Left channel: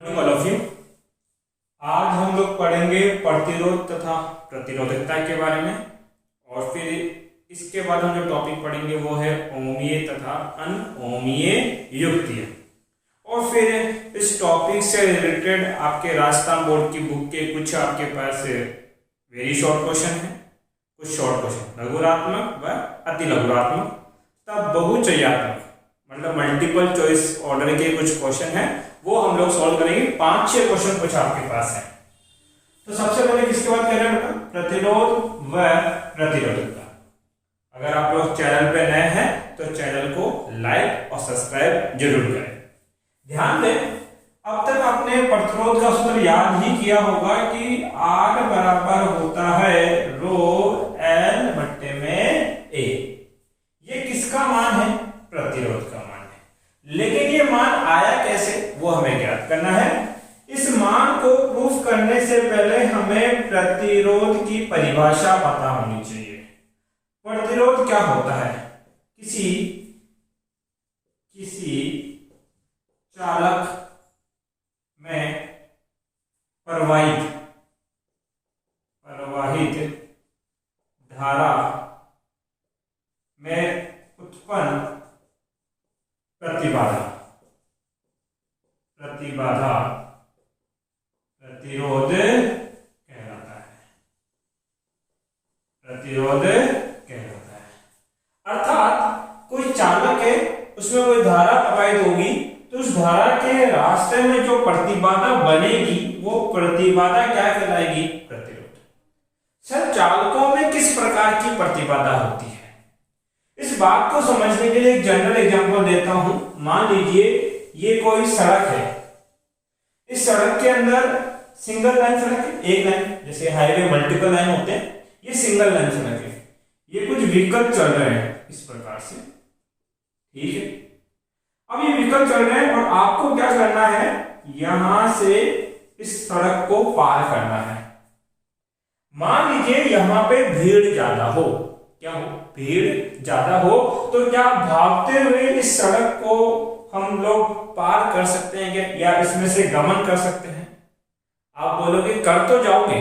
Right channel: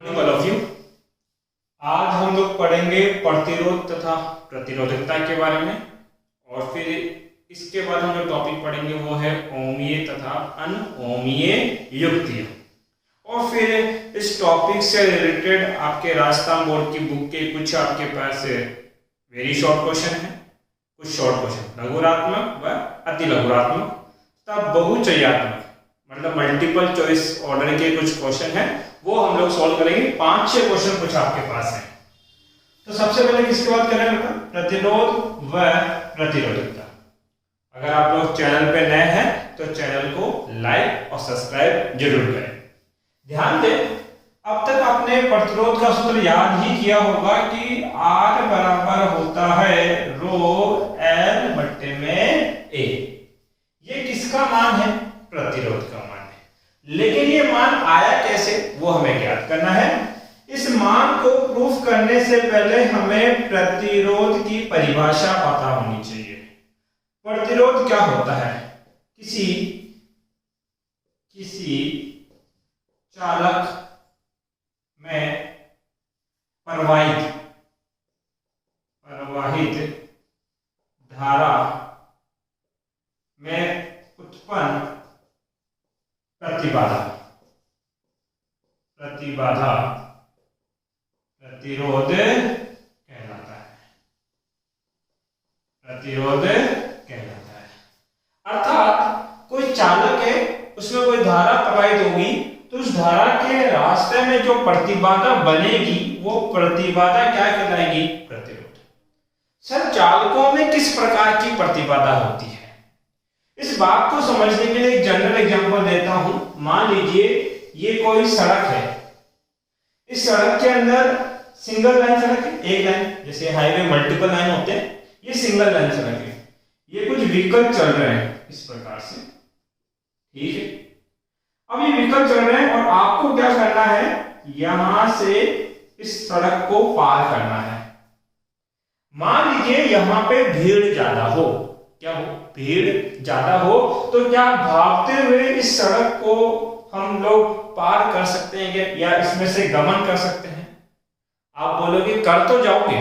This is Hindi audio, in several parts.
Morning all of you. आज हम लोग पढ़ेंगे प्रतिरोध तथा प्रतिरोधकता के बारे में, और फिर इसके बाद हम जो टॉपिक पढ़ेंगे वो है ओमीय तथा अनओमीय युक्तियां। और फिर इस टॉपिक से रिलेटेड आपके राजस्थान बोर्ड की बुक के कुछ आपके पास वेरी शॉर्ट क्वेश्चन है, कुछ शॉर्ट क्वेश्चन लघुरात्मक व अति लघुरात्मक तब बहुचय्यात्मक मतलब मल्टीपल चॉइस ऑर्डर के कुछ क्वेश्चन हैं, वो हम लोग सॉल्व करेंगे। 5-6 क्वेश्चन कुछ आपके पास है। तो सबसे पहले किसकी बात करें बेटा? प्रतिरोध व प्रतिरोधकता। अगर आप लोग चैनल पे नए हैं तो चैनल को लाइक और सब्सक्राइब जरूर करें। ध्यान दें, अब तक आपने प्रतिरोध का सूत्र याद ही किया होगा कि R बराबर होता है रो L बट्टे में A। ये किसका मान है? प्रतिरोध का मान है। लेकिन ये मान आया कैसे, वो हमें ज्ञात करना है। इस मान को प्रूफ करने से पहले हमें प्रतिरोध की परिभाषा पता होनी चाहिए। प्रतिरोध क्या होता है? किसी चालक में प्रवाहित धारा में उत्पन्न प्रतिरोध कहलाता है। प्रतिरोध कहलाता है। अर्थात कोई चालक है, उसमें कोई धारा प्रवाहित होगी तो उस धारा के रास्ते में जो प्रतिबाधा बनेगी वो प्रतिबाधा क्या कहलाएगी? प्रतिरोध। सर, चालकों में किस प्रकार की प्रतिबाधा होती है? इस बात को समझने के लिए एक जनरल एग्जांपल देता हूं। मान लीजिए ये कोई सड़क है। इस सड़क के अंदर सिंगल लाइन सड़क है, एक लाइन, जैसे हाईवे मल्टीपल लाइन होते हैं, ये सिंगल लाइन सड़क है। ये कुछ व्हीकल चल रहे हैं इस प्रकार से, ठीक है। अब ये व्हीकल चल रहे हैं और आपको क्या करना है? यहां से इस सड़क को पार करना है। मान लीजिए यहां पे भीड़ ज्यादा हो, क्या हो? भीड़ ज्यादा हो तो क्या भागते हुए इस सड़क को हम लोग पार कर सकते हैं क्या, या इसमें से गमन कर सकते हैं? आप बोलोगे कर तो जाओगे,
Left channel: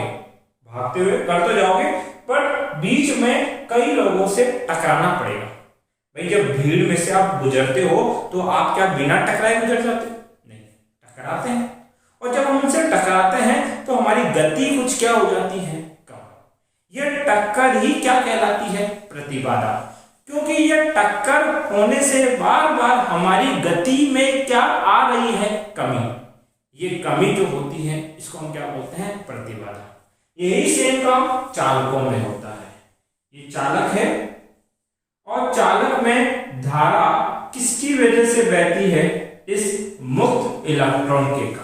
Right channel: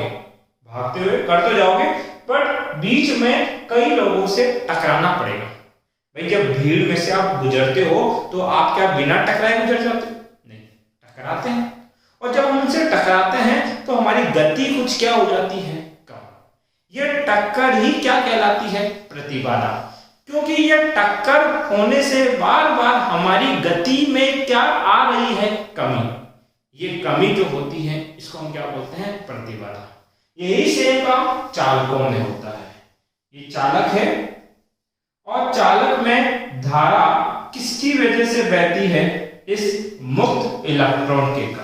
भागते हुए कर तो जाओगे, बट बीच में कई लोगों से टकराना पड़ेगा। भाई, जब भीड़ में से आप गुजरते हो तो आप क्या बिना टकराए गुजर जाते हो? नहीं, टकराते हैं। और जब हम उनसे टकराते हैं तो हमारी गति कुछ क्या हो जाती है? कम। ये टक्कर ही क्या कहलाती है? प्रतिबाधा। क्योंकि ये टक्कर होने से बार बार हमारी गति में क्या आ रही है? कमी। ये कमी जो होती है इसको हम क्या बोलते हैं? प्रतिबाधा। यही सेम काम चालकों में होता है। ये चालक है और चालक में धारा किसकी वजह से बहती है? इस मुक्त इलेक्ट्रॉन के कारण।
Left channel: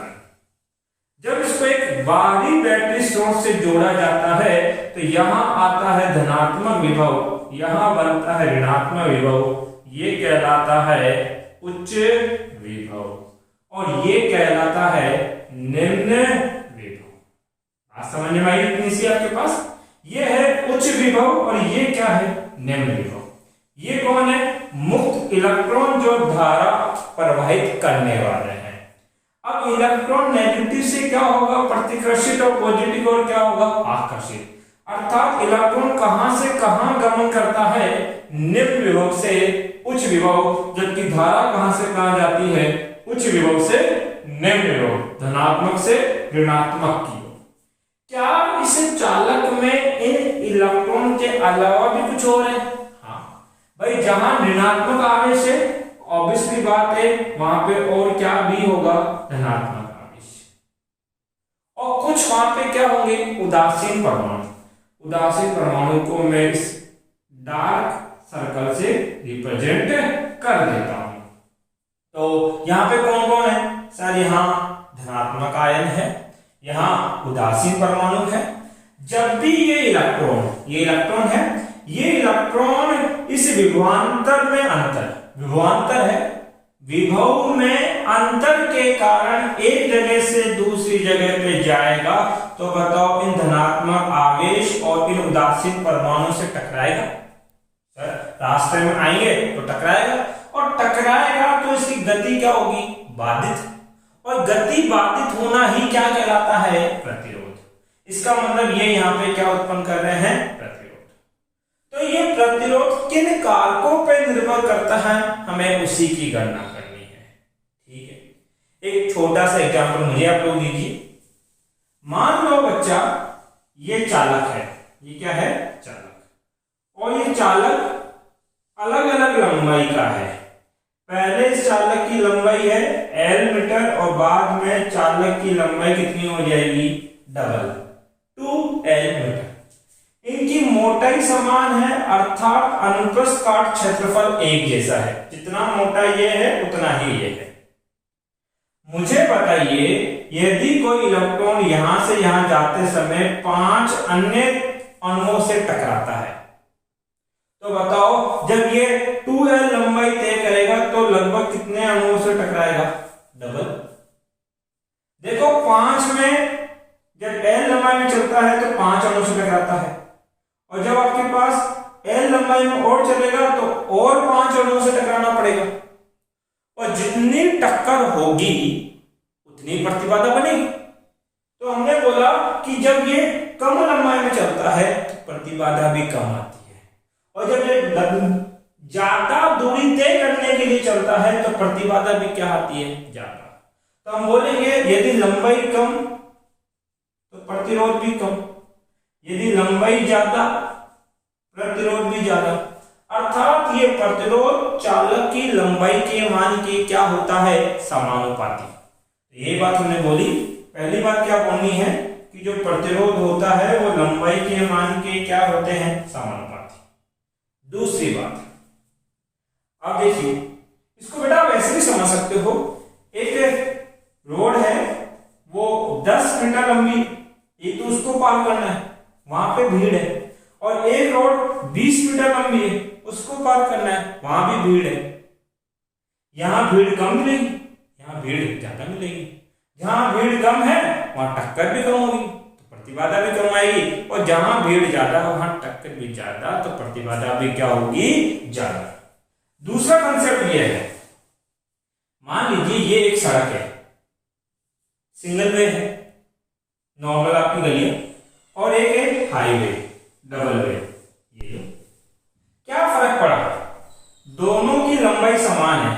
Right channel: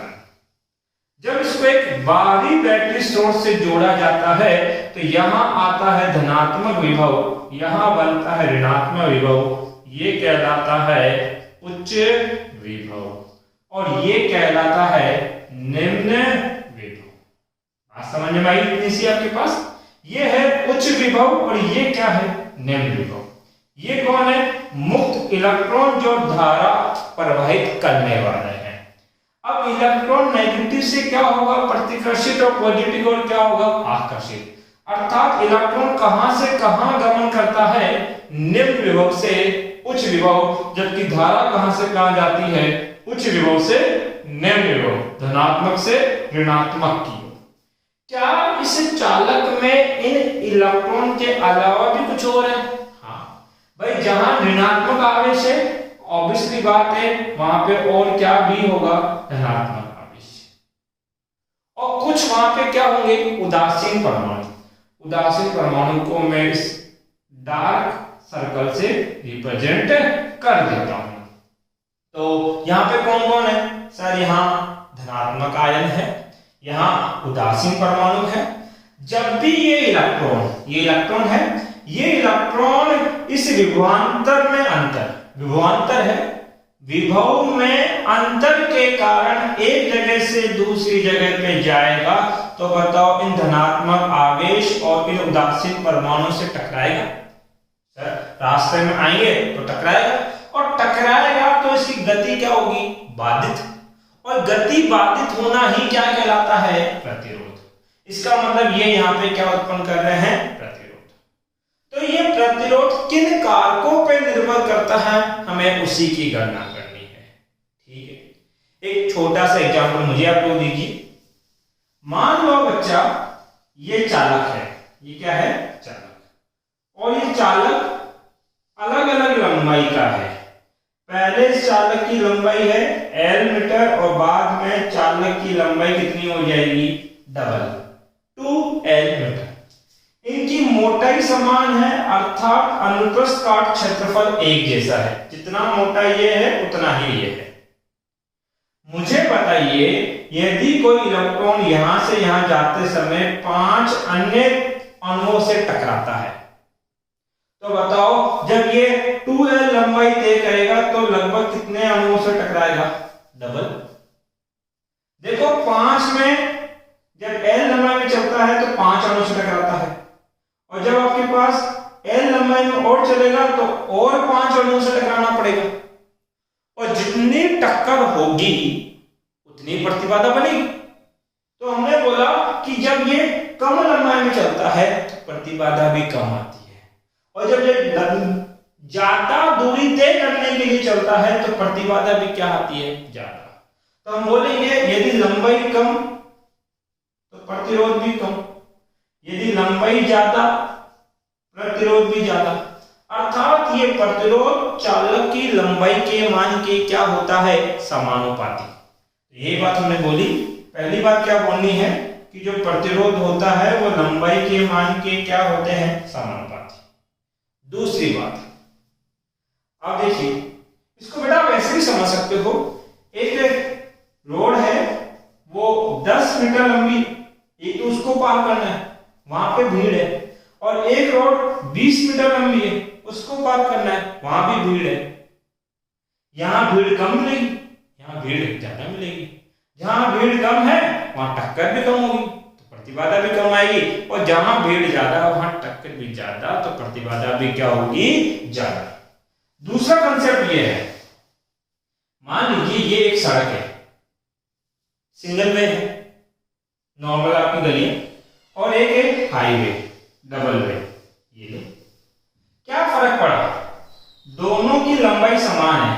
जब इसको एक बाहरी बैटरी सोर्स से जोड़ा जाता है तो यहां आता है धनात्मक विभव, यहां बनता है ऋणात्मक विभव। ये कहलाता है उच्च विभव और ये कहलाता है निम्न विभव। बात समझ में आई इतनी सी आपके पास? ये है उच्च विभव और ये क्या है? निम्न विभव। ये कौन है? मुक्त इलेक्ट्रॉन जो धारा प्रवाहित करने वाले हैं। अब इलेक्ट्रॉन नेगेटिव से क्या होगा? प्रतिकर्षित और पॉजिटिव और क्या होगा? आकर्षित। अर्थात इलेक्ट्रॉन कहां से कहां गमन करता है? निम्न विभव से उच्च विभव, जबकि धारा कहां से कहां जाती है? उच्च विभव से निम्न विभव, धनात्मक से ऋणात्मक की। क्या इस चालक में इन इलेक्ट्रॉन के अलावा भी कुछ और है? हाँ भाई, जहां ऋणात्मक आवेश है ऑब्वियसली बात है वहां पे और क्या भी होगा? धनात्मक आवेश। और कुछ वहां पे क्या होंगे? उदासीन परमाणु। उदासीन परमाणु को मैं इस डार्क सर्कल से रिप्रेजेंट कर देता हूं। तो यहां पे कौन कौन है? सर, यहां धनात्मक आयन है, यहां उदासीन परमाणु है। जब भी ये इलेक्ट्रॉन है, ये इलेक्ट्रॉन इस विभवांतर में विभवांतर है, विभव में अंतर के कारण एक जगह से दूसरी जगह पे जाएगा, तो बताओ इन धनात्मक आवेश और इन उदासीन परमाणु से टकराएगा? सर, रास्ते में आएंगे तो टकराएगा, और टकराएगा तो इसकी गति क्या होगी? बाधित। और गति बाधित होना ही क्या कहलाता है? प्रतिरोध। इसका मतलब ये यहाँ पे क्या उत्पन्न कर रहे हैं? प्रतिरोध। तो ये प्रतिरोध किन कारकों पर निर्भर करता है, हमें उसी की गणना करनी है। ठीक है, एक छोटा सा एग्जाम्पल मुझे आप लोग दीजिए। मान लो बच्चा ये चालक है, ये क्या है? चालक। और ये चालक अलग अलग लंबाई का है। पहले इस चालक की लंबाई है L मीटर और बाद में चालक की लंबाई कितनी हो जाएगी? Double 2L metre. इनकी मोटाई समान है, अर्थात अनुप्रस्थ काट क्षेत्रफल एक जैसा है। जितना मोटा ये है उतना ही ये है। मुझे बताइए, यदि कोई इलेक्ट्रॉन यहां से यहां जाते समय 5 अन्य अणुओं से टकराता है, तो बताओ जब ये 2L लंबाई तय करेगा तो लगभग कितने अणुओं से टकराएगा? डबल। देखो 5 में जब L लंबाई में चलता है तो 5 अणुओं से टकराता है, और जब आपके पास L लंबाई में और चलेगा तो और 5 अणुओं से टकराना पड़ेगा, और जितनी टक्कर होगी उतनी प्रतिबाधा बनेगी। तो हमने बोला कि जब ये कम लंबाई में चलता है तो प्रतिबाधा भी कम आती है, और जब ये ज्यादा दूरी तय करने के लिए चलता है तो प्रतिबाधा भी क्या आती है? ज्यादा। तो हम बोलेंगे यदि लंबाई कम तो प्रतिरोध भी कम, यदि लंबाई ज्यादा प्रतिरोध भी ज्यादा। अर्थात ये प्रतिरोध चालक की लंबाई के मान के क्या होता है? समानुपाती। तो ये बात हमने बोली। पहली बात क्या बोलनी है कि जो प्रतिरोध होता है वो लंबाई के मान के क्या होते हैं? समानुपाती। दूसरी बात, अब देखिए, इसको बेटा आप ऐसे भी समझ सकते हो। एक रोड है वो 10 मीटर लंबी, एक तो उसको पार करना है, वहां पे भीड़ है, और एक रोड 20 मीटर लंबी है, उसको पार करना है, वहां भी भीड़ है। यहां भीड़ कम मिलेगी, यहां भीड़ ज्यादा मिलेगी। जहां भीड़ कम है वहां टक्कर भी कम होगी तो प्रतिबाधा भी कम आएगी, और जहां भीड़ ज्यादा वहां टक्कर भी ज्यादा तो प्रतिबाधा भी क्या होगी? ज्यादा। दूसरा कंसेप्ट ये है, मान लीजिए ये एक सड़क है, सिंगल वे है, नॉर्मल आपकी गली है, और एक है हाईवे, डबल वे। ये क्या फर्क पड़ा? दोनों की लंबाई समान है,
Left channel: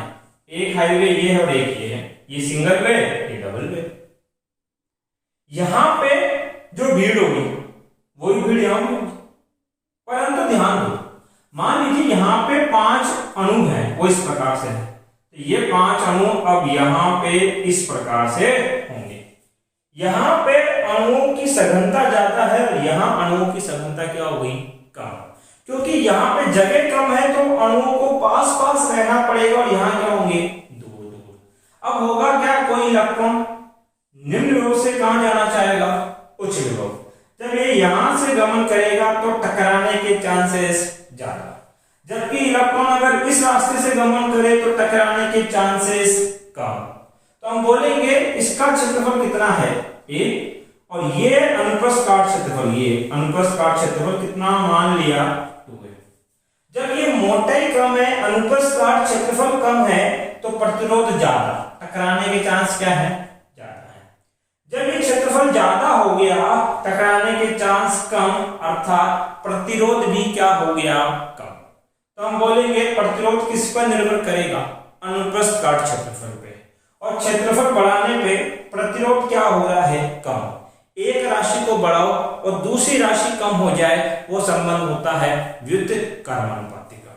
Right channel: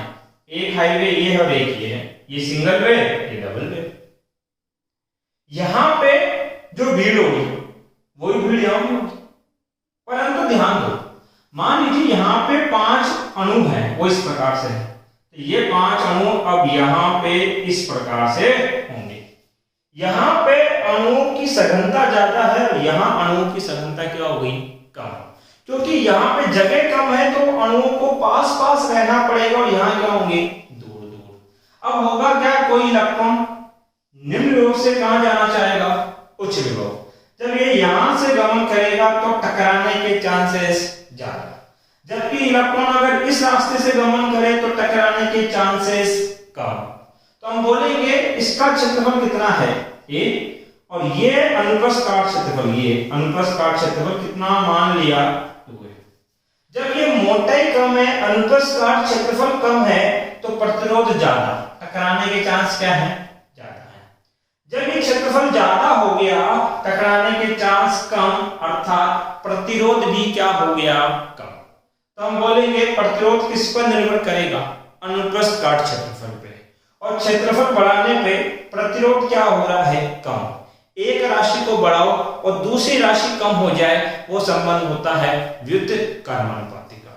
एक हाईवे ये है और एक ये है, ये सिंगल वे, ये डबल वे। यहां पे जो भीड़ होगी वही भीड़ यहां भी होगी, परंतु ध्यान दो, मान लीजिए यहां पे 5 अणु हैं, वो इस प्रकार से है, तो ये 5 अणु अब यहां पे इस प्रकार से होंगे। यहां पे अणुओं की सघनता ज्यादा है और यहां अणुओं की सघनता क्या हो गई? कम, क्योंकि यहां पे जगह कम है तो अणुओं को पास पास रहना पड़ेगा, और यहां क्या होंगे? दूर दूर। अब होगा क्या? कोई इलेक्ट्रॉन निम्न विभव से कहां जाना चाहेगा? उच्च विभव। जब ये यहां से गमन करेगा तो टकराने के चांसेस ज्यादा, जबकि इलेक्ट्रॉन अगर इस रास्ते से गमन करे तो टकराने के चांसेस कम। तो हम बोलेंगे इसका क्षेत्रफल कितना है? A, और ये अनुप्रस्थ काट क्षेत्रफल, ये अनुप्रस्थ काट क्षेत्रफल कितना मान लिया? 2 है। जब ये मोटाई कम है, अनुप्रस्थ काट क्षेत्रफल कम है, तो प्रतिरोध ज्यादा, टकराने के चांस क्या है? ज्यादा है। जब ये क्षेत्रफल ज्यादा हो गया, टकराने के चांस कम, अर्थात प्रतिरोध भी क्या हो गया? कम। तो हम बोलेंगे प्रतिरोध किस पर निर्भर करेगा? अनुप्रस्थ काट क्षेत्रफल पे, और क्षेत्रफल बढ़ाने पे प्रतिरोध क्या हो रहा है? कम। एक राशि को बढ़ाओ और दूसरी राशि कम हो जाए, वो संबंध होता है व्युत्क्रमानुपाती का।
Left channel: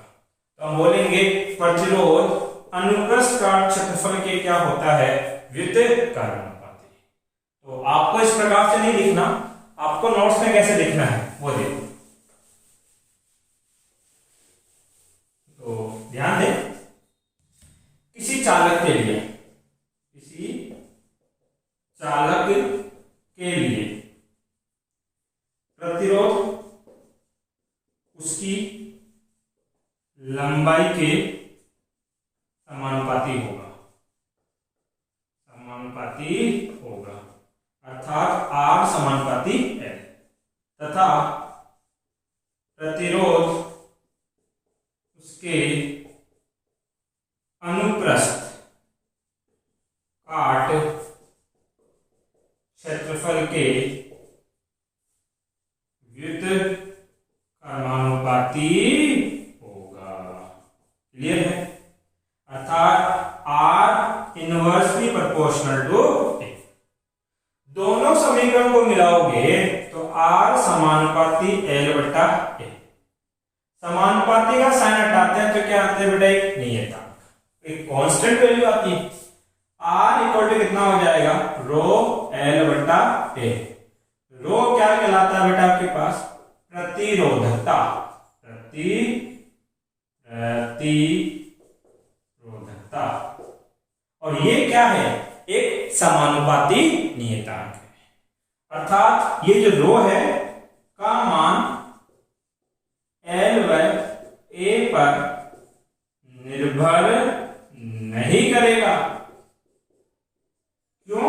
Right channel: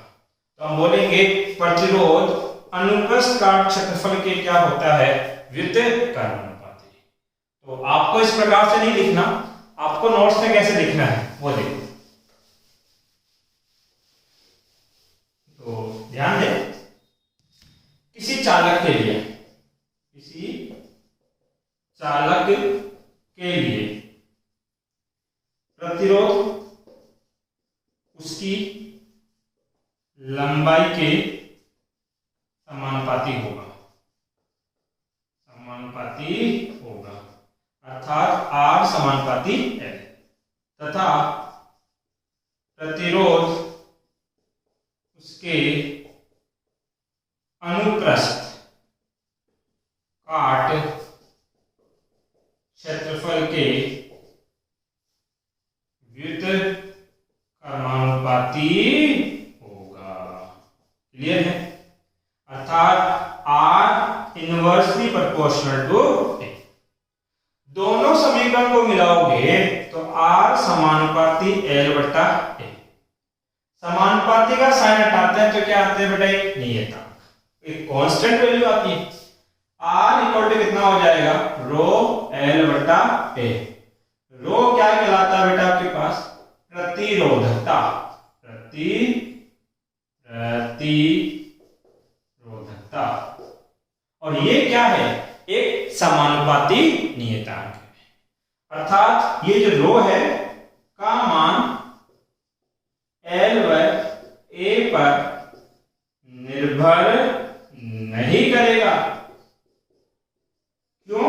तो हम बोलेंगे प्रतिरोध अनुप्रस्थ काट क्षेत्रफल के क्या होता है? व्युत्क्रमानुपाती। तो आपको इस प्रकार से नहीं लिखना, आपको नोट्स में कैसे लिखना है वो देखो। तो ध्यान दें, किसी चालक के लिए, किसी चालक के लिए प्रतिरोध उसकी लंबाई के समानुपाती होगा, समानुपाती होगा, अर्थात R समानुपाती L, तथा प्रतिरोध उसके अनुप्रस्थ काट क्षेत्रफल के व्युत्क्रमानुपाती होगा। क्लियर है? अर्थात आर इनवर्सली प्रोपोर्शनल टू ए। दोनों समीकरण को मिलाओगे तो आर समानुपाती एल बटा ए। समानुपाती का साइन हटाते हैं तो क्या आते हैं बेटा? एक नियतांक, एक कांस्टेंट वैल्यू आती है। आर इक्वल टू कितना हो जाएगा? रो एल बटा ए। रो क्या कहलाता है बेटा आपके पास? प्रतिरोधकता। प्रतिरोधकता। और ये क्या है? एक समानुपाती नियतांक है। अर्थात ये जो रो है का मान एल व ए पर निर्भर नहीं करेगा। क्यों?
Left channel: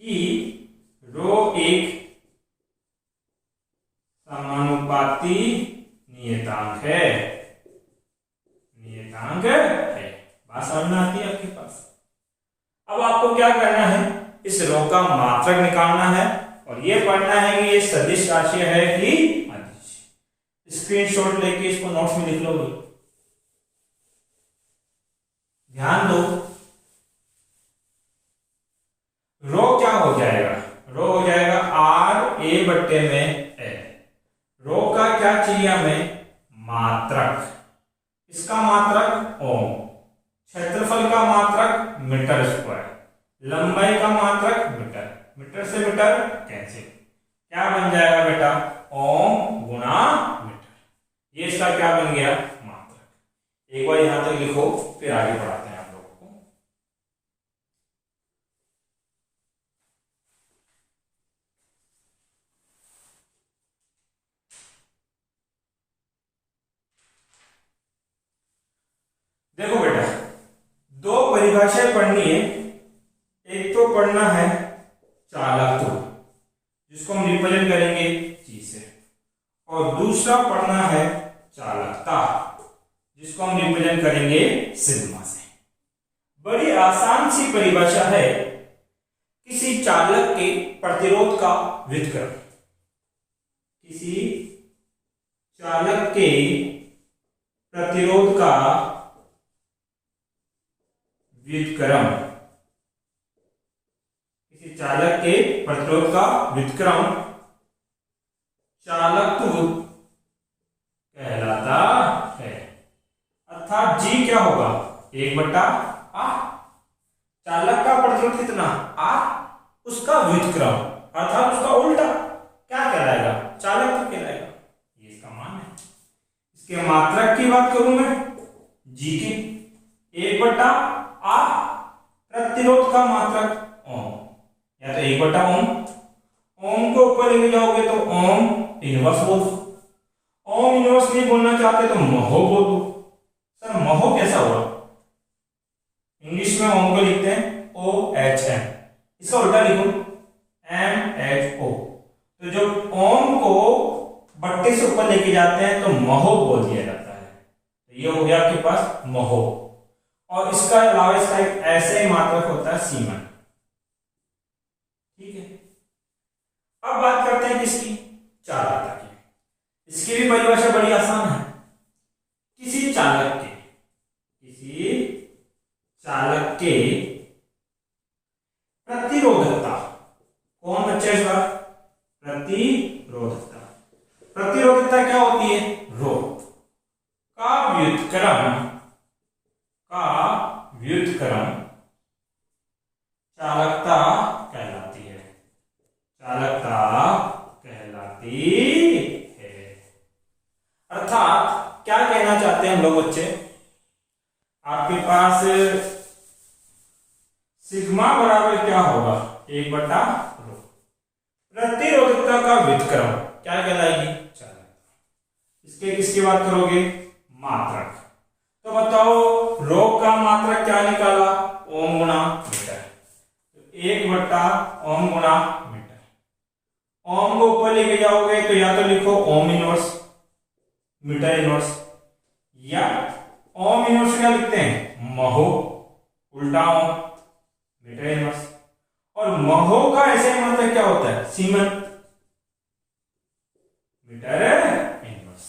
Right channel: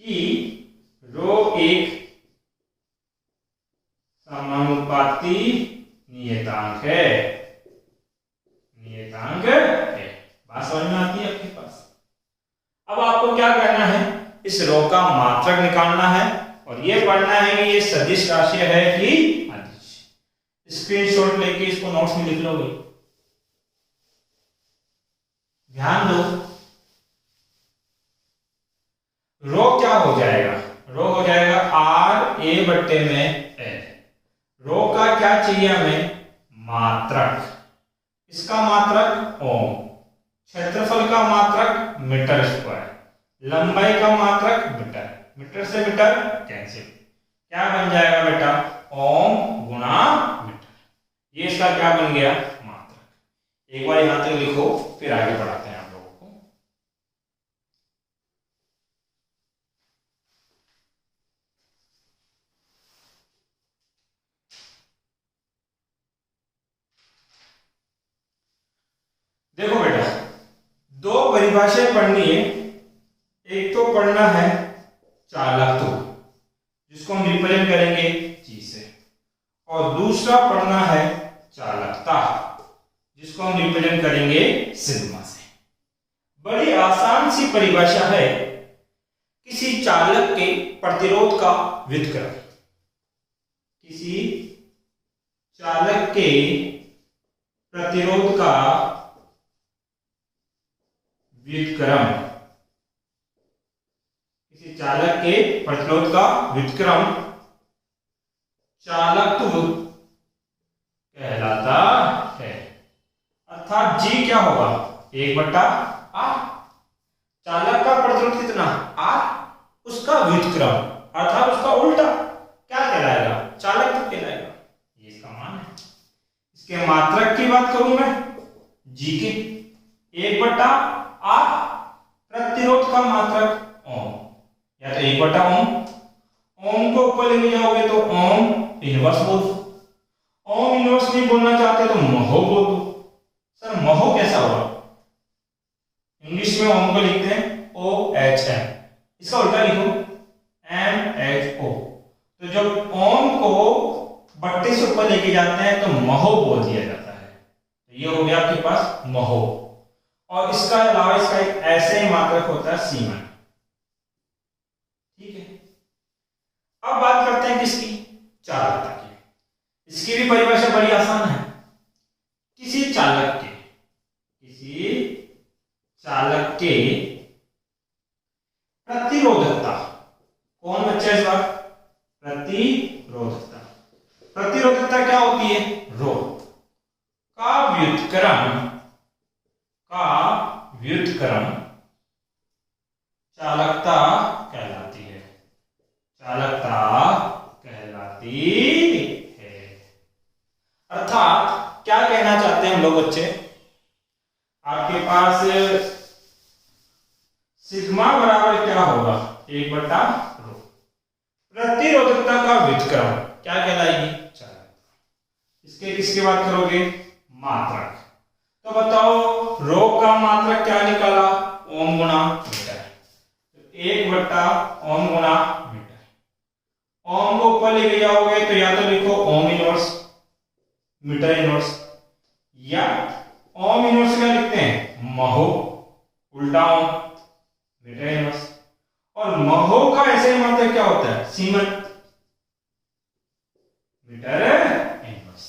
कि रो एक समानुपाती नियतांक है। बात समझ में आती है आपके पास? अब आपको क्या करना है? इस रो का मात्रक निकालना है और ये पढ़ना है कि ये सदिश राशि है कि अदिश। स्क्रीनशॉट लेके इसको नोट्स में लिख लोगे। ध्यान दो, रो क्या हो जाएगा? रो हो जाएगा आर ए बट्टे में एल। रो का क्या चाहिए हमें? मात्रक। इसका मात्रक ओम, क्षेत्रफल का मात्रक मीटर स्क्वायर, लंबाई का मात्रक मीटर। मीटर से मीटर कैंसिल, क्या बन जाएगा बेटा? ओम गुणा मीटर। ये इसका क्या बन गया? मात्रक। एक बार यहां तक लिखो, फिर आगे बढ़ाते हैं आप लोगों को। देखो बेटा, दो परिभाषाएं पढ़नी है। एक तो पढ़ना है चालकत्व, जिसको हम रिप्रेजेंट करेंगे जी से, और दूसरा पढ़ना है चालकता, जिसको हम रिप्रेजेंट करेंगे सिग्मा से। बड़ी आसान सी परिभाषा है, किसी चालक के प्रतिरोध का व्युत्क्रम। किसी चालक के प्रतिरोध का व्युत्क्रम, किसी चालक के प्रतिरोध का व्युत्क्रम चालकत्व कहलाता है। अर्थात जी क्या होगा? 1/r। चालक का प्रतिरोध कितना? r, उसका व्युत्क्रम अर्थात उसका उल्टा क्या कहलाएगा? चालकत्व कहलाएगा। ये इसका मान है। इसके मात्रक की बात करूं मैं, जी की 1/r, प्रतिरोध का मात्रक ओम, या तो 1/ओम। ओम को ऊपर लेके जाओगे तो ओम इनवर्स बोल दो। ओम इनवर्स नहीं बोलना चाहते तो महो बोल दो। सर महो कैसा हुआ? इंग्लिश में ओम को लिखते हैं OHM, इसका उल्टा लिखो MHO। तो जब ओम को बट्टे से ऊपर लेके जाते हैं तो महो बोल दिया जाता है। तो ये हो गया आपके पास महो। और इसका अलावा इसका एक ऐसे ही मात्रक होता है सीमन। ठीक है, अब बात करते हैं किसकी? चालकता की। इसकी भी परिभाषा बड़ी आसान है। किसी चालक के प्रतिरोधकता, कौन बच्चा इस बार? प्रतिरोधकता। प्रतिरोधकता क्या होती है? रो का व्युत्क्रम चालकता कहलाती है। चालकता कहलाती है। अर्थात क्या कहना चाहते हैं हम लोग बच्चे? आपके पास सिग्मा बराबर क्या होगा? 1/रो। प्रतिरोधकता का व्युत्क्रम क्या कहलाएगी? चालकता। इसके किसकी बात करोगे? मात्रक। तो बताओ रो का मात्रक क्या निकाला? ओम गुणा मीटर। 1/ओम गुणा मीटर। ओम को ऊपर लेके जाओगे तो या तो लिखो ओम इनवर्स मीटर इनवर्स, या ओम इनवर्स क्या लिखते हैं? महो, उल्टा ओम। Metre inverse. और महो का ऐसे मतलब क्या होता है, सीमंत, मीटर इनवर्स।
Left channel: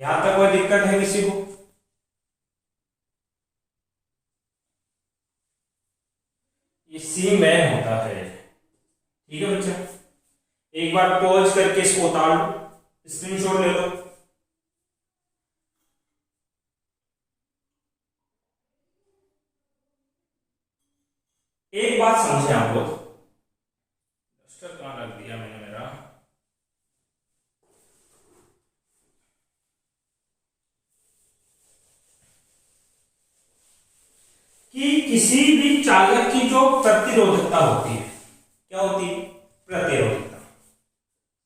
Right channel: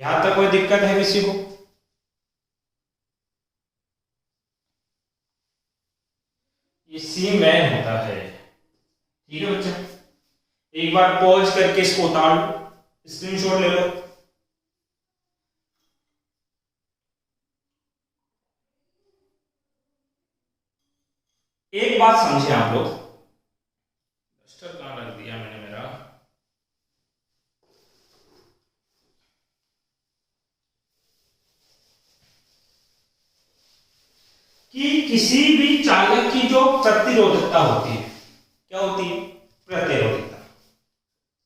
यहां तक कोई दिक्कत है किसी को? ये सीमेन होता है। ठीक है बच्चा, एक बार पॉज करके इसको उतार लो, स्क्रीनशॉट ले लो। एक बात समझे आप लोग, डस्टर कहां रख दिया मैंने मेरा, कि किसी भी चालक की जो प्रतिरोधकता होती है, क्या होती है, प्रतिरोधकता।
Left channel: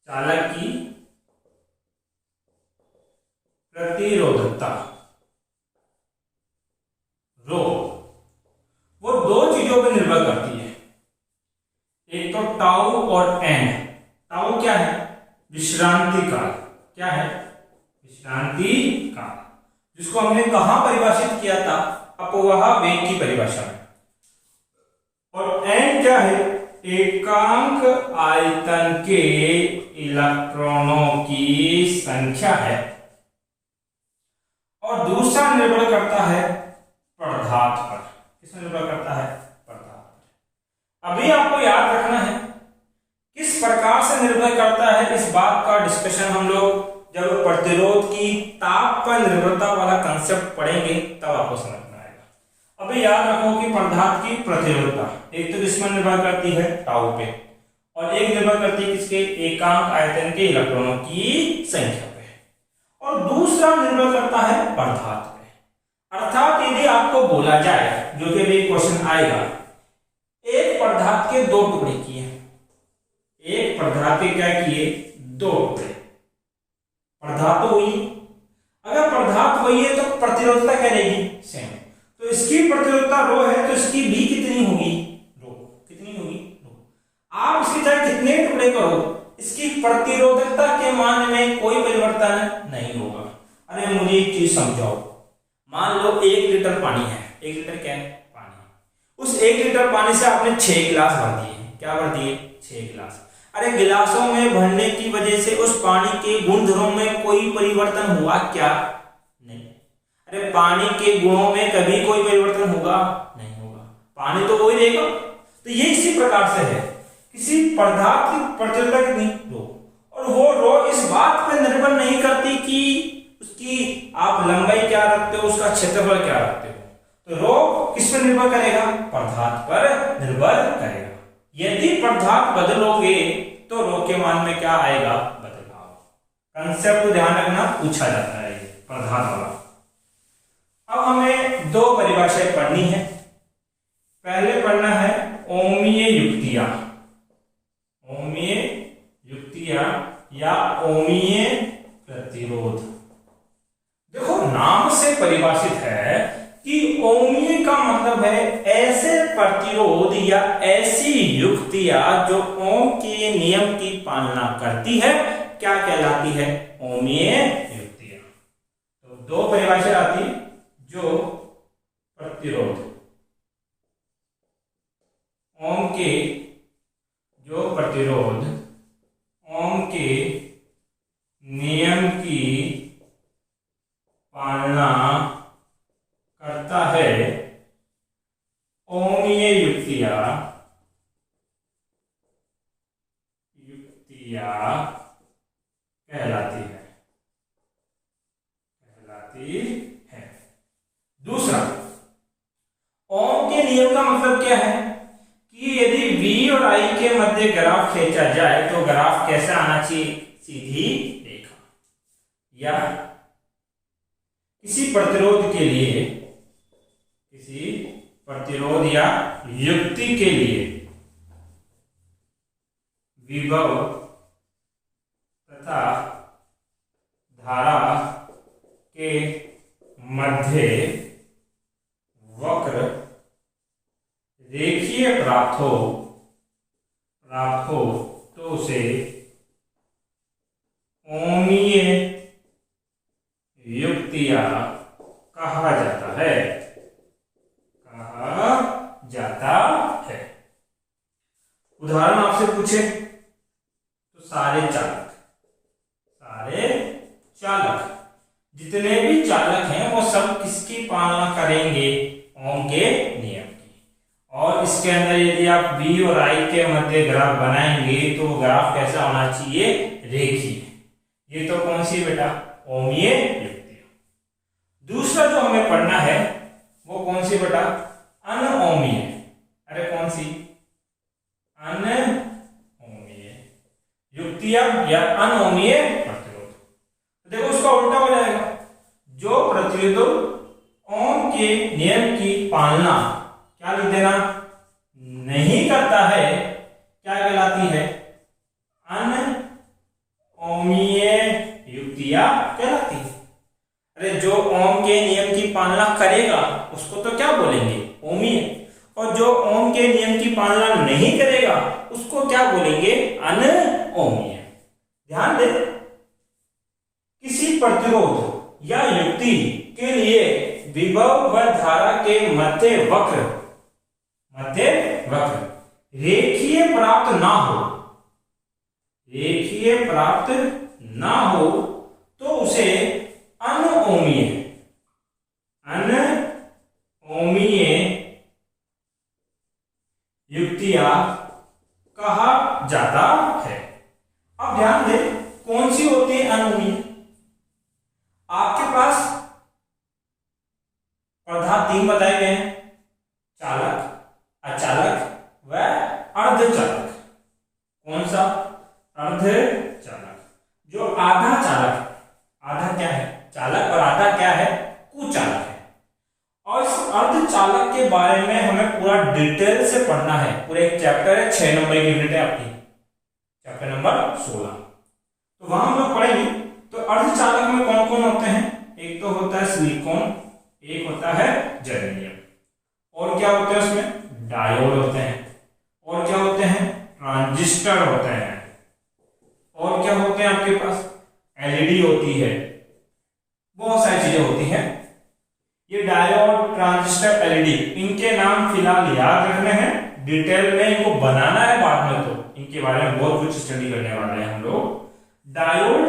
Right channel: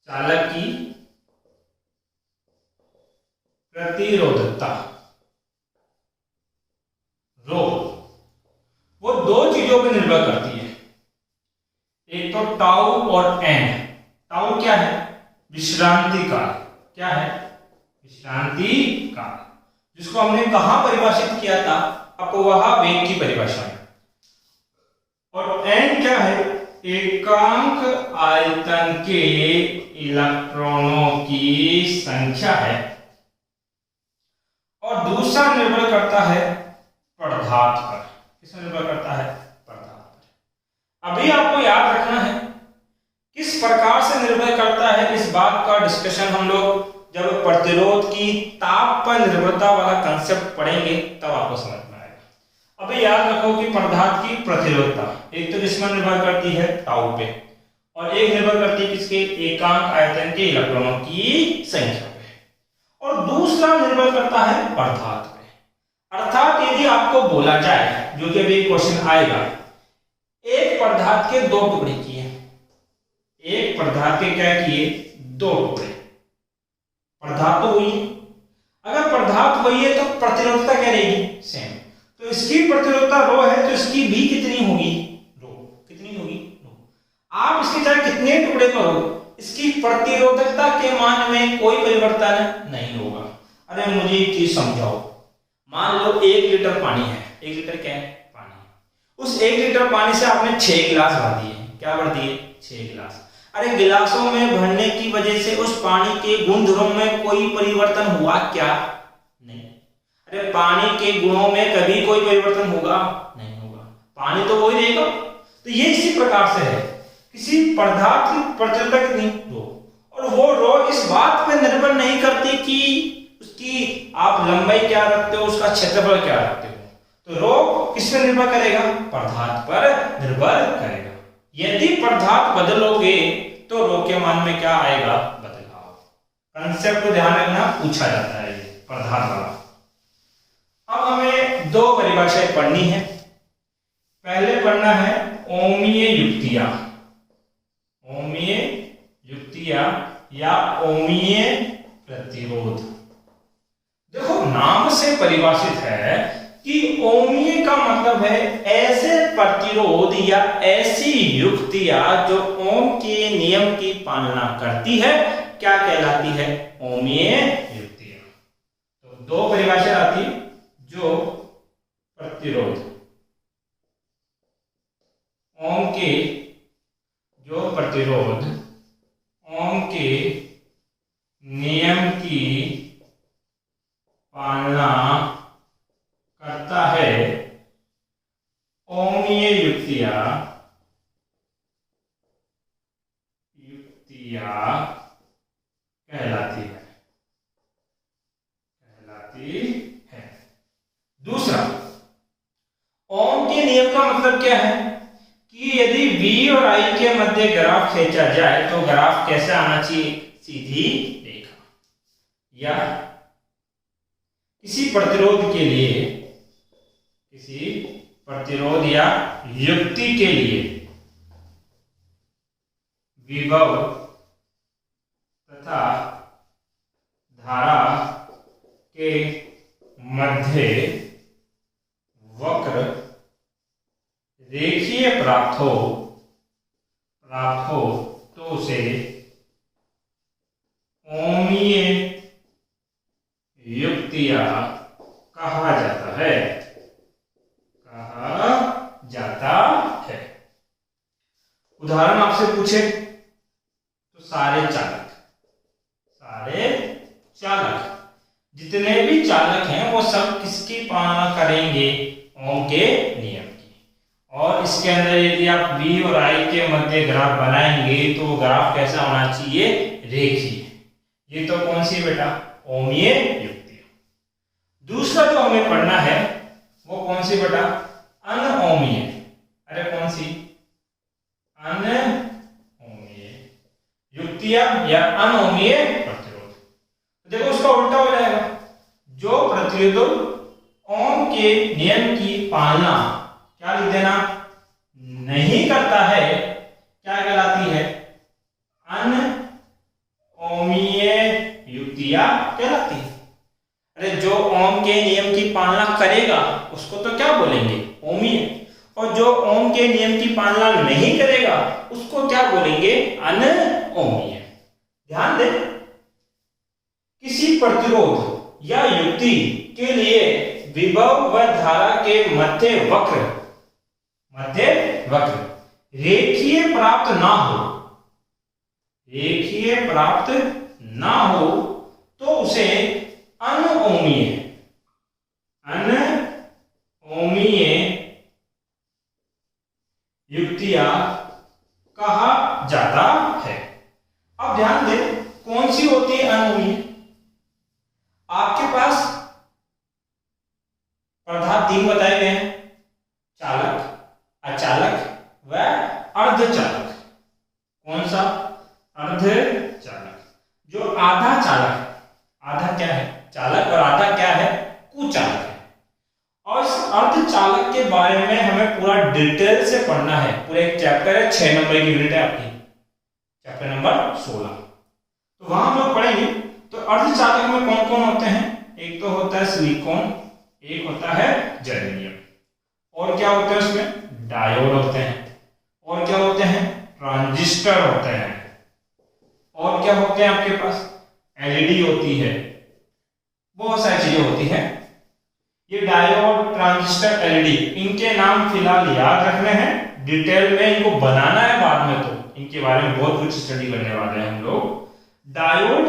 चालक की प्रतिरोधकता रो, वो दो चीजों पर निर्भर करती है, एक तो टाउ और एन। टाउ क्या है, विश्रांति काल। क्या है, विश्रांति काल, जिसको हमने कहां परिभाषित किया था, अपवाह वेग की परिभाषा में। और एन क्या है, एकांक आयतन के इलेक्ट्रॉनों की संख्या है। और दूसरा निर्भर करता है पदार्थ पर। किस निर्भर करता है, पदार्थ पर। अभी आपको याद रखना है किस प्रकार से निर्भर करता है, इस बात का डिस्कशन हम लोग जब प्रतिरोध की ताप पर निर्भरता वाला कंसेप्ट पढ़ेंगे तब आपको समझ में आएगा। अभी याद रखो कि पदार्थ की प्रतिरोधता एक तो किसमें निर्भर करती है, टाउ पे, और एक निर्भर करती है किसके, एकांक आयतन के इलेक्ट्रॉनों की संख्या पे, और दूसरा निर्भर करता है पदार्थ पे। अर्थात यदि आपको बोला जाए, जो कि भी क्वेश्चन आएगा, एक पदार्थ के दो टुकड़े किए, एक पदार्थ के क्या किए, दो टुकड़े, पदार्थ तो वही, अगर पदार्थ वही है तो प्रतिरोधकता क्या रहेगी, सेम। तो इसकी प्रतिरोधकता रो है तो इसकी भी कितनी होगी, रो। कितनी होगी, रो। आप इसके चाहे कितने टुकड़े करो, इसकी प्रतिरोधकता के मान में कोई परिवर्तन नहीं होगा। अरे मुझे एक चीज समझाओ, मान लो 1 लीटर पानी है, 1 लीटर क्या है, पानी। उस 1 लीटर पानी से आपने 6 गिलास भर दिए, क्या भर दिए, 6 गिलास। अरे गिलासों में भरने की वजह से उस पानी के गुणधर्मों में कोई परिवर्तन हुआ क्या, नहीं। अरे पानी के गुणों में कभी कोई परिवर्तन होगा, नहीं होगा, पानी तो वही रहेगा। तो ये इसी प्रकार से है, किसी पदार्थ की प्रतिरोधकता कितनी, रो, और वो रो इस बात पर निर्भर नहीं करती कि उसकी आप लंबाई क्या रखते हो, उसका क्षेत्रफल क्या रखते हो। तो रो किस पर निर्भर करेगा, पदार्थ पर निर्भर करेगा। यदि पदार्थ बदलोगे तो रो के मान में क्या आएगा, बदलाव। कंसेप्ट को ध्यान रखना, पूछा जाता है ये पदार्थ वाला। अब हमें दो परिभाषाएं पढ़नी है। पहले पढ़ना है ओमीय युक्तियां, ओमीय युक्तियां या ओमीय प्रतिरोध। देखो नाम से परिभाषित है कि ओमीय का मतलब है ऐसे प्रतिरोध या ऐसी युक्तियां जो ओम के नियम की पालना करती है, क्या कहलाती है, ओमीय युक्तियां। तो दो परिभाषा आती, जो प्रतिरोध ओम के, जो प्रतिरोध ओम के नियम की पालना करता है, ओमीय युक्तियां कहलाती है। दूसरा, ओम के नियम का मतलब क्या है कि यदि V और I के मध्य ग्राफ खींचा जाए तो ग्राफ कैसा आना चाहिए, सीधी रेखा। या किसी प्रतिरोध के लिए, किसी प्रतिरोध या युक्ति के लिए विभव तथा धारा के मध्य वक्र रेखीय प्राप्त हो तो उसे ओमीय युक्तियां कहा जाता है, कहा जाता उदाहरण आपसे पूछे तो सारे चालक जितने भी चालक हैं वो सब किसकी पालना करेंगे? ओम के नियम की। और इसके अंदर यदि आप V और I के मध्य ग्राफ बनाएंगे तो वो ग्राफ कैसा होना चाहिए? रेखीय। ये तो कौन सी बेटा? ओमीय युक्ति। दूसरा जो हमें पढ़ना है वो कौन सी बेटा? अनओमीय। अरे कौन सी? अनओमीय युक्तियां या अनओमीय प्रतिरोध। देखो उसका उल्टा हो जाएगा। जो प्रतिरोध ओम के नियम की पालना क्या लिख देना? नहीं करता है, क्या कहलाती है? अनओमीय युक्तियां कहलाती है। अरे जो ओम के नियम की पालना करेगा उसको तो क्या बोलेंगे? ओमीय। और जो ओम के नियम की पालना नहीं करेगा उसको क्या बोलेंगे? अनओमीय। ध्यान दे, किसी प्रतिरोध या युक्ति के लिए विभव व धारा के मध्य वक्र रेखीय प्राप्त ना हो तो उसे अनओमीय युक्तियां कहा जाता है। अब ध्यान दे, कौन सी होती है अनओमीय? आपके पास पदार्थ 3 बताए गए हैं, चालक, अचालक व अर्धचालक। कौन सा? अर्धचालक। जो आधा चालक, आधा क्या है? चालक, और आधा क्या है? कुचालक है। और इस अर्धचालक के बारे में हमें पूरा डिटेल से पढ़ना है। पूरा एक चैप्टर है, 6 नंबर की यूनिट है आपकी, चैप्टर नंबर 16। तो वहां हम लोग पढ़ेंगे। तो अर्धचालक में कौन कौन होते हैं? एक तो होता है सिलिकॉन, एक होता है जर्मेनियम, और क्या होते हैं उसमें? डायोड होते हैं, और क्या होते हैं? ट्रांजिस्टर होते हैं, और क्या होते हैं आपके पास? एलईडी होती है, बहुत सारी चीजें होती हैं। ये डायोड, ट्रांजिस्टर, एलईडी, इनके नाम फिलहाल याद रखने हैं। डिटेल में इनको बनाना है बाद में, तो इनके बारे में बहुत कुछ स्टडी करने वाले हैं हम लोग। डायोड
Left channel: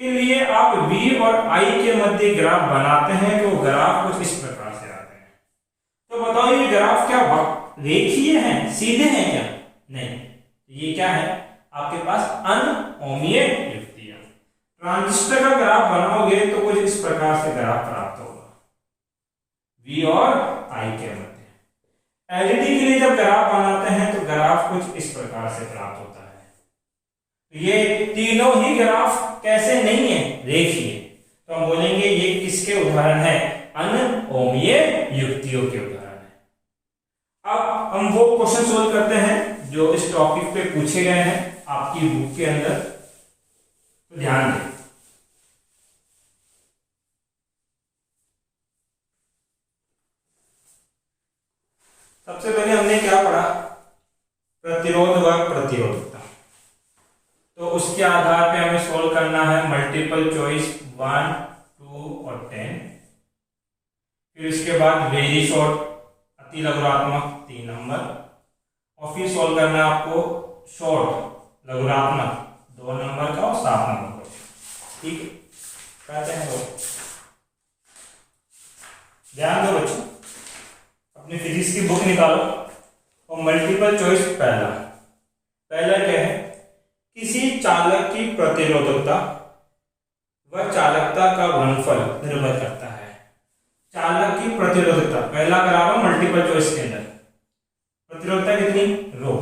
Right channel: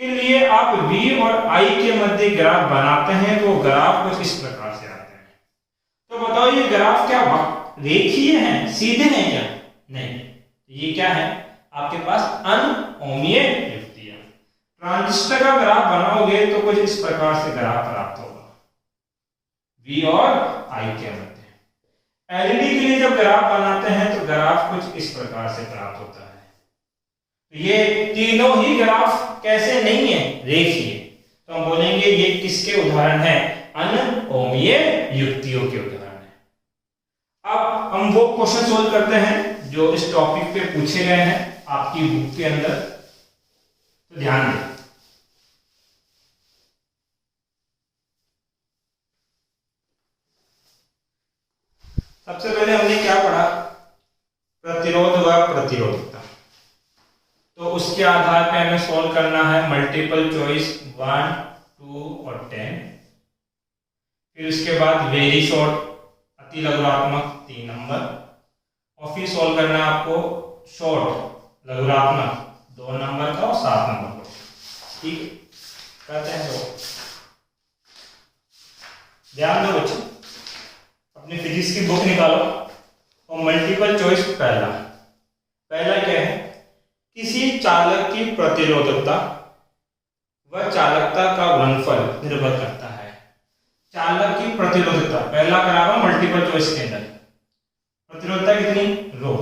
के लिए आप V और I के मध्य ग्राफ बनाते हैं तो ग्राफ कुछ इस प्रकार से आते हैं। तो बताओ ये ग्राफ क्या रेखीय हैं, सीधे हैं क्या? नहीं, ये क्या है? आपके पास अनओमीय युक्तियां। ट्रांजिस्टर का ग्राफ बनाओगे तो कुछ इस प्रकार से ग्राफ प्राप्त होगा, V और I के मध्य। एलईडी के लिए जब ग्राफ बनाते हैं तो ग्राफ कुछ इस प्रकार से प्राप्त होता है। ये तीनों ही ग्राफ कैसे नहीं है? रेखीय। तो हम बोलेंगे ये किसके उदाहरण है? अनओमीय युक्तियों के उदाहरण है। अब हम वो क्वेश्चन सोल्व करते हैं जो इस टॉपिक पे पूछे गए हैं आपकी बुक के अंदर। तो ध्यान दें, सबसे पहले हमने क्या पढ़ा? प्रतिरोध व प्रतिरोधकता। तो उसके आधार पे हमें सॉल्व करना है मल्टीपल चॉइस 1, 2 और 10। फिर उसके बाद वेरी शॉर्ट, अति लघुरात्मक 3 नंबर, और फिर सॉल्व करना है आपको शॉर्ट लघुरात्मक 2 नंबर का और 7 नंबर का। ठीक कहते हैं तो ध्यान दो बच्चों, अपनी फिजिक्स की बुक निकालो और मल्टीपल चॉइस पहला क्या है? किसी चालक की प्रतिरोधकता व चालकता का गुणनफल निर्भर करता है। चालक की प्रतिरोधकता पहला करावा मल्टीपल चॉइस के अंदर, प्रतिरोधकता कितनी? रो।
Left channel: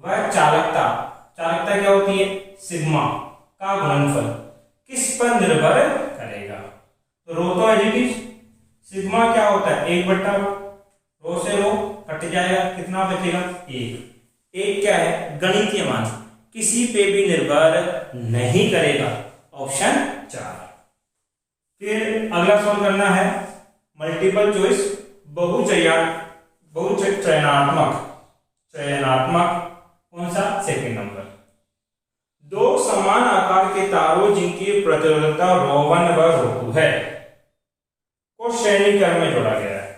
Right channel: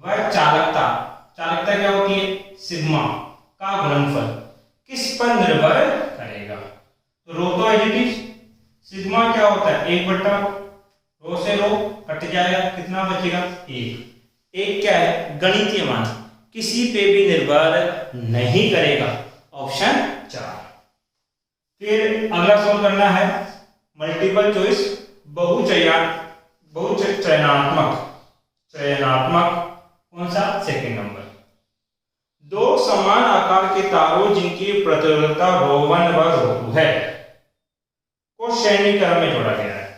वह चालकता क्या होती है? सिग्मा का गुणनफल किस पर निर्भर करेगा? तो रो तो एज, सिग्मा क्या होता है? 1/, रो से रो कट जाएगा, कितना बचेगा? 1। 1 क्या है? गणितीय मान, किसी पे भी निर्भर नहीं करेगा, ऑप्शन 4। फिर अगला सॉल्व करना है मल्टीपल चॉइस चयनात्मक कौन सा? Second number. 2 समान आकार के तारों जिनकी प्रतिरोधकता ρ1 व ρ2 है को श्रेणी क्रम में जोड़ा गया है।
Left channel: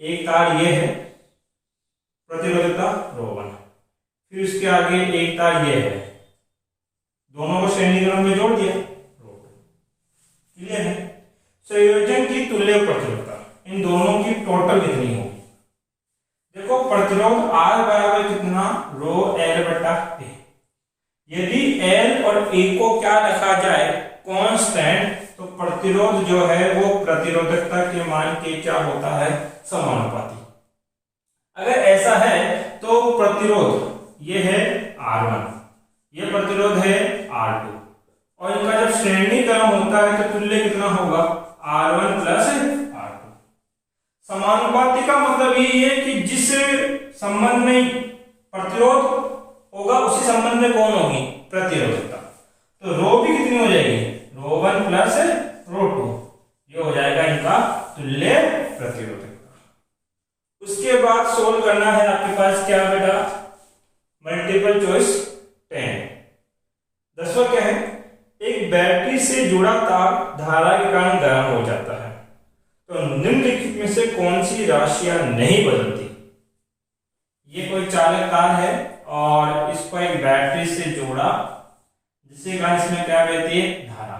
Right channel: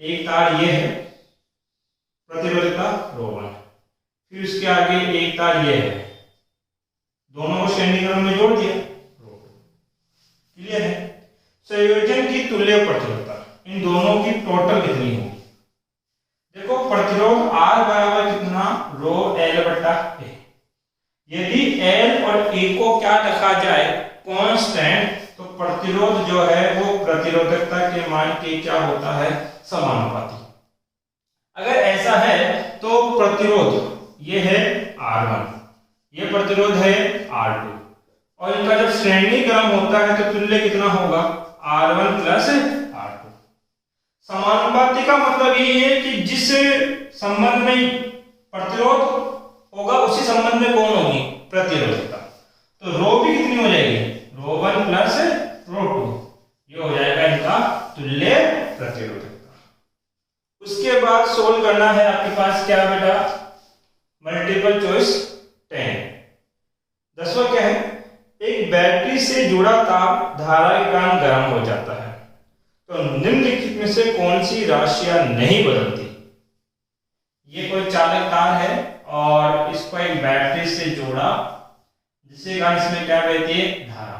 एक तार ये है, प्रतिरोधकता ρ1, फिर उसके आगे एक तार ये है, दोनों को श्रेणी क्रम में जोड़ दिया, क्लियर है। संयोजन की तुल्य प्रतिरोधकता, इन दोनों की टोटल कितनी होगी? देखो प्रतिरोध R बराबर कितना, रो L बटा A। यदि L और A को क्या रखा जाए, कांस्टेंट, तो प्रतिरोध जो है वो प्रतिरोधकता के मान के क्या होता है, समानुपाती। अगर ऐसा है तो प्रतिरोध ये है R1, ये प्रतिरोध है R2, और इनका जब श्रेणी क्रम होता है तो तुल्य कितना होगा, R1 प्लस R2। समानुपाती का मतलब ये है कि जिस संबंध में प्रतिरोध होगा उसी संबंध में कौन होगी, प्रतिरोधकता। तो रो भी कितनी हो जाएगी, रो1 प्लस रो2, ये हो जाएगा इनका तुल्य प्रतिरोधकता। उसके बाद सोल्व करना है आपके पास क्या बेटा, मल्टीपल चॉइस 10। 10वां क्या है, एक बैटरी से जुड़ा तार धारा के कारण गर्म हो जाता है, तो निम्नलिखित में से कौन सी राशियां नहीं बदलती। ये कोई चालक तार है और इसको एक बैटरी से जोड़ा, जिससे कारण इसमें क्या बहती है, धारा।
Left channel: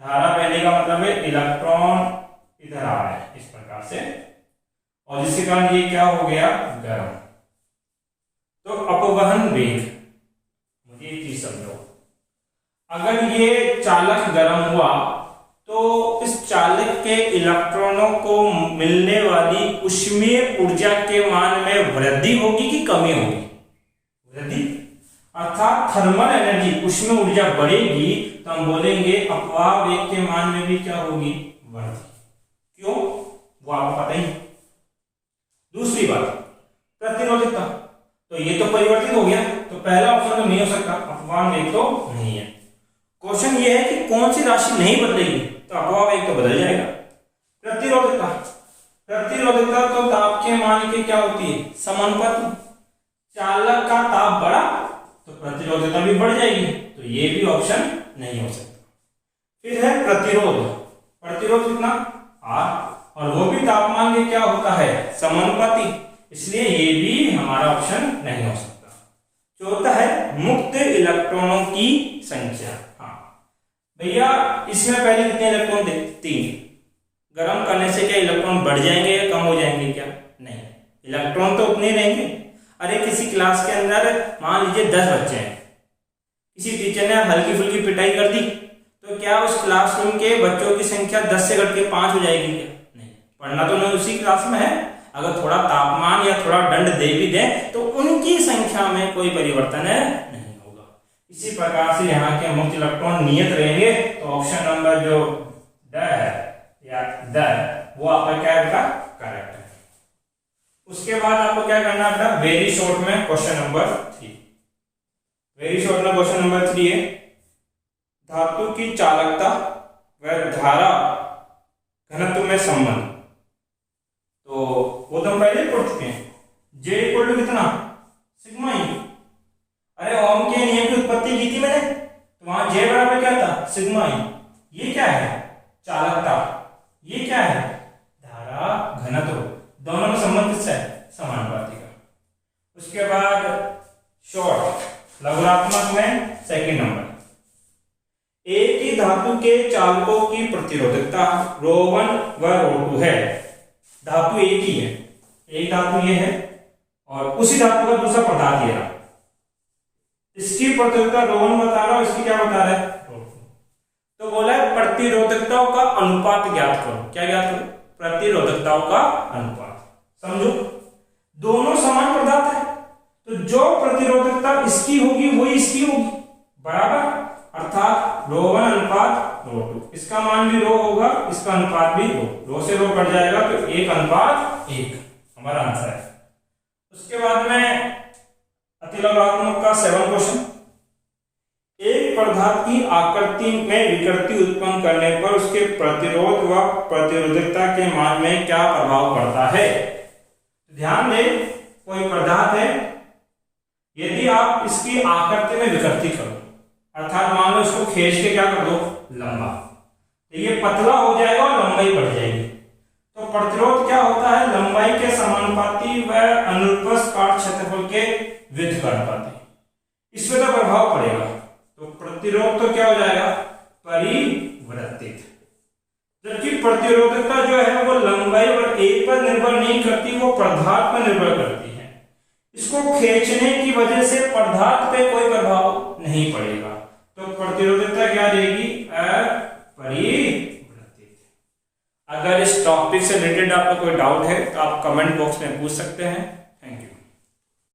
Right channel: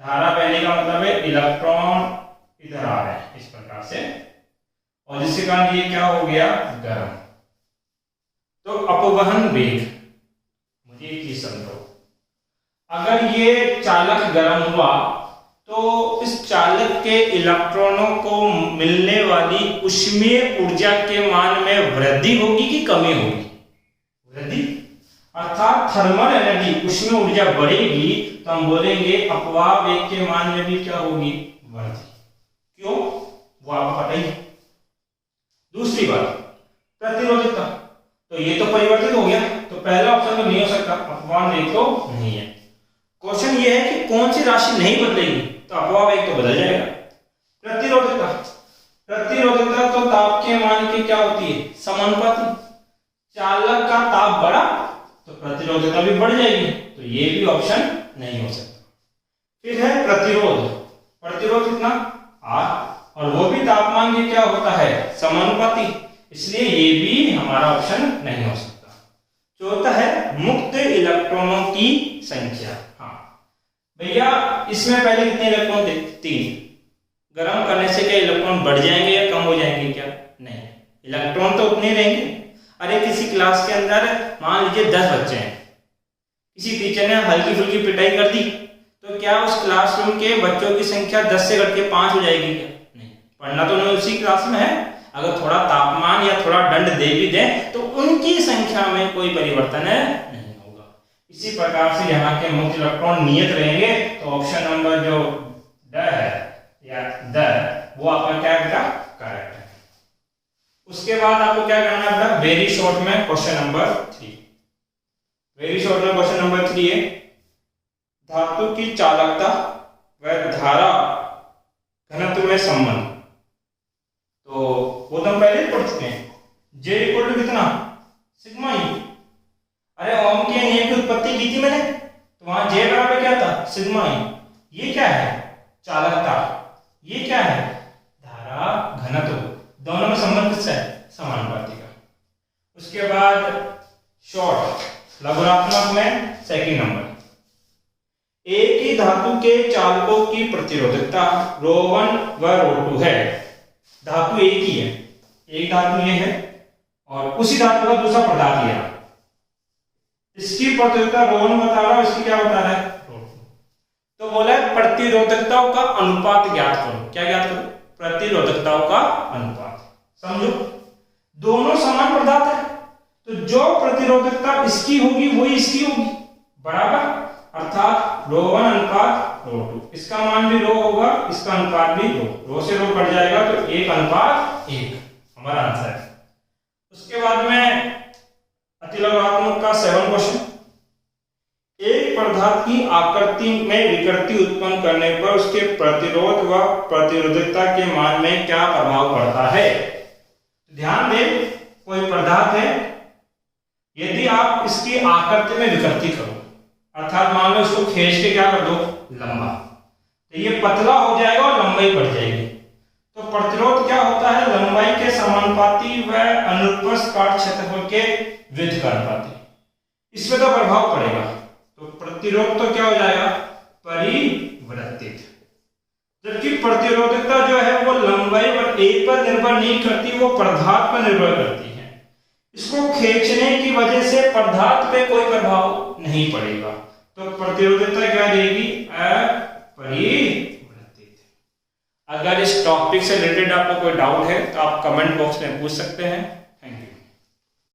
धारा बहने का मतलब है इलेक्ट्रॉन इधर आ रहे हैं इस प्रकार से, और जिसके कारण ये क्या हो गया, गर्म। तो अपवहन वेग, मुझे एक चीज समझो, अगर ये चालक गर्म हुआ तो इस चालक के इलेक्ट्रॉनों को मिलने वाली ऊष्मीय ऊर्जा के मान में वृद्धि होगी कि कमी होगी, वृद्धि, अर्थात थर्मल एनर्जी, ऊष्मीय ऊर्जा बढ़ेगी, तो हम बोलेंगे अपवाह वेग के मान में भी क्या होगी, वृद्धि। क्यों, वो आपको पता ही है। दूसरी बात, प्रतिरोधकता, तो ये तो परिवर्तित हो गया, तो पहला ऑप्शन तो नहीं हो सकता, अपवाह वेग तो नहीं है। क्वेश्चन ये है कि कौन सी राशि नहीं बदलेगी, तो अपवाह वेग तो बदल जाएगा। प्रतिरोधकता, प्रतिरोधकता तो ताप के मान की क्या होती है, समानुपाती। चालक का ताप बढ़ा तो प्रतिरोधकता भी बढ़ जाएगी, तो ये भी ऑप्शन नहीं हो सकता। फिर है प्रतिरोध, प्रतिरोध कितना, R, और वो भी तापमान के क्या होता है, समानुपाती, इसलिए ये भी हमारा ऑप्शन नहीं हो सकता। चौथा है मुक्त इलेक्ट्रॉनों की संख्या। हाँ भैया, इसमें पहले कितने इलेक्ट्रॉन थे, 3। गर्म करने से क्या इलेक्ट्रॉन बढ़ जाएंगे या कम हो जाएंगे, क्या नहीं, इलेक्ट्रॉन तो उतने रहेंगे। अरे किसी क्लास के अंदर मान लीजिए 10 बच्चे हैं, किसी टीचर ने हल्की फुल्की पिटाई कर दी, तो क्या उस क्लासरूम के बच्चों की संख्या 10 से घट के 5 हो जाएगी, क्या नहीं। पढ़ना तो उन्हें उसी क्लास में है, अगर थोड़ा तापमान या थोड़ा दंड दे भी दें तो उनकी संख्या में कोई परिवर्तन नहीं होगा। इसी प्रकार से यहाँ के मुक्त इलेक्ट्रॉन नियत रहेंगे, तो ऑप्शन नंबर जो ड है या द, वो आपका क्या होगा, करेक्ट है। उसके बाद आपको क्या करना है, वेरी शॉर्ट में क्वेश्चन नंबर 3। वेरी शॉर्ट में क्वेश्चन नंबर 3 है, धातु की चालकता व धारा घनत्व में संबंध। तो वो तो हम पहले पढ़ चुके हैं, J इक्वल टू कितना, सिग्मा ई। अरे ओम के नियम की उत्पत्ति की थी मैंने, तो वहां J बराबर क्या था, सिग्मा ई। ये क्या है, चालकता, ये क्या है, धारा घनत्व, दोनों में संबंध किसका है, समानुपाती का। उसके बाद शॉर्ट लघुरात्मक में सेकंड नंबर, एक ही धातु के चालकों की प्रतिरोधकता रो1 व रो2 है। धातु एक ही है, एक धातु ये है और उसी धातु का दूसरा पदार्थ ये है, इसकी प्रतिरोधकता रो1 बता रहा है, इसकी क्या बता रहा है, रो2। तो बोला है प्रतिरोधकताओं का अनुपात ज्ञात करो। क्या ज्ञात करो, प्रतिरोधकताओं का अनुपात। समझो, दोनों समान पदार्थ है, तो जो प्रतिरोधकता इसकी होगी वही इसकी होगी, बराबर, अर्थात रो1 अनुपात रो2, इसका मान भी रो होगा, इसका अनुपात भी रो से रो कट जाएगा, तो 1 अनुपात 1 हमारा आंसर है। उसके बाद में अतिलघुरात्मक का 7 क्वेश्चन, एक पदार्थ की आकृति में विकृति उत्पन्न करने पर उसके प्रतिरोध व प्रतिरोधकता के मान में क्या प्रभाव पड़ता है। ध्यान दें, कोई पदार्थ है, यदि आप इसकी आकृति में विकृति करो, अर्थात मान लो इसको खींच के क्या कर दो, लंबा, तो ये पतला हो जाएगा और लंबाई बढ़ जाएगी। तो प्रतिरोध क्या होता है, लंबाई के समानुपाती व अनुप्रस्थ काट क्षेत्रफल के व्युत्क्रमानुपाती। इसमें तो प्रभाव पड़ेगा, तो प्रतिरोध तो क्या हो जाएगा, परिवर्तित। जबकि प्रतिरोधकता जो है वो लंबाई और ए पर निर्भर नहीं करती, वो पदार्थ पर निर्भर करती है। इसको खींचने की वजह से पदार्थ पे कोई प्रभाव नहीं पड़ेगा, तो प्रतिरोधकता क्या रहेगी, अपरिवर्तित। अगर इस टॉपिक से रिलेटेड आपको कोई डाउट है तो आप कमेंट बॉक्स में पूछ सकते हैं।